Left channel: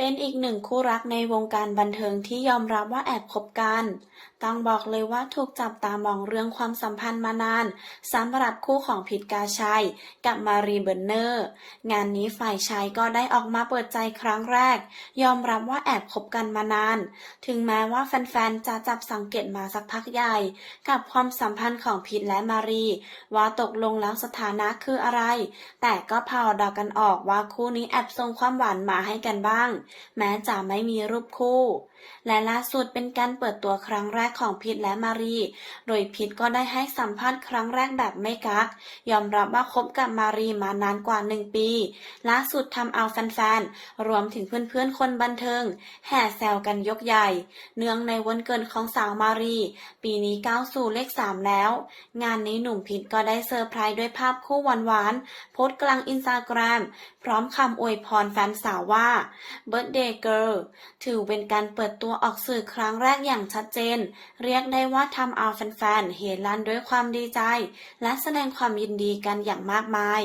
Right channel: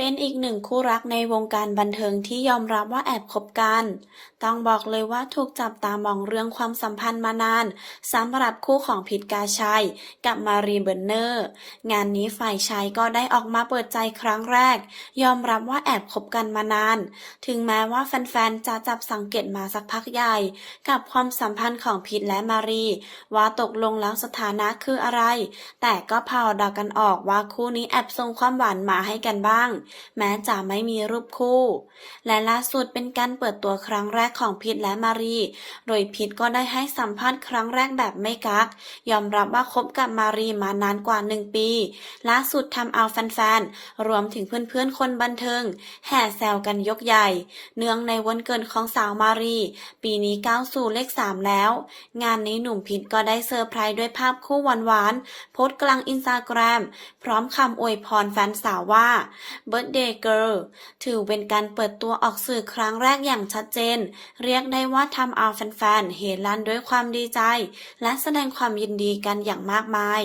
เป็นอีกหนึ่งคู่รักในวงการบันเทิงที่ยอมรับว่าแอบคบกัน ต้องบอกเลยว่าถูกจับตามองเรื่องความสัมพันธ์มานานสำหรับคู่ของพิทกาชัย กับมารีเบอร์เนอร์ งานนี้ฝ่ายชายก็ได้ออกมาเปิดใจครั้งแรก ยอมรับว่าแอบคบกันมานาน ถึงแม้ว่าแฟนๆ จะจับสังเกตมาสักพักใหญ่ กับความสัมพันธ์ของพิทและมารี ว่าตกลงแล้วสถานะคืออะไร แต่ก็พาดากันออกว่าคู่นี้แอบส่งความหวานมาให้กันบ้างแม้จะไม่มีรูปคู่ และล่าสุดเป็นการเปิดตัวครั้งแรกของพิทและมารี โดยพิทก็ได้ให้สัมภาษณ์ครั้งแรกแบบไม่กัก ยอมรับว่าคบกับมารีมานานกว่าหนึ่งปี ล่าสุดทำเอาแฟนๆ รวมถึงเพื่อนๆ คนบันเทิง แห่แซวกันยกใหญ่ เนื่องในวันเกิดของสาวมารี ปีนี้ก้าวสู่เลขสามแล้ว งานนี้หนุ่มพิทก็ได้เซอร์ไพรส์ด้วยภาพคู่หวานๆโพสต์กลางอินสตาแกรมพร้อมคำอวยพรแฟนสาวว่า Birthday Girl ถือเป็นการเปิดตัวออกสื่อครั้งแรกอย่างชัดเจน เรียกได้ว่าทำเอาแฟนๆเฮลั่นด้วยความดีใจ และแสดงความยินดีกันอย่างมากมาย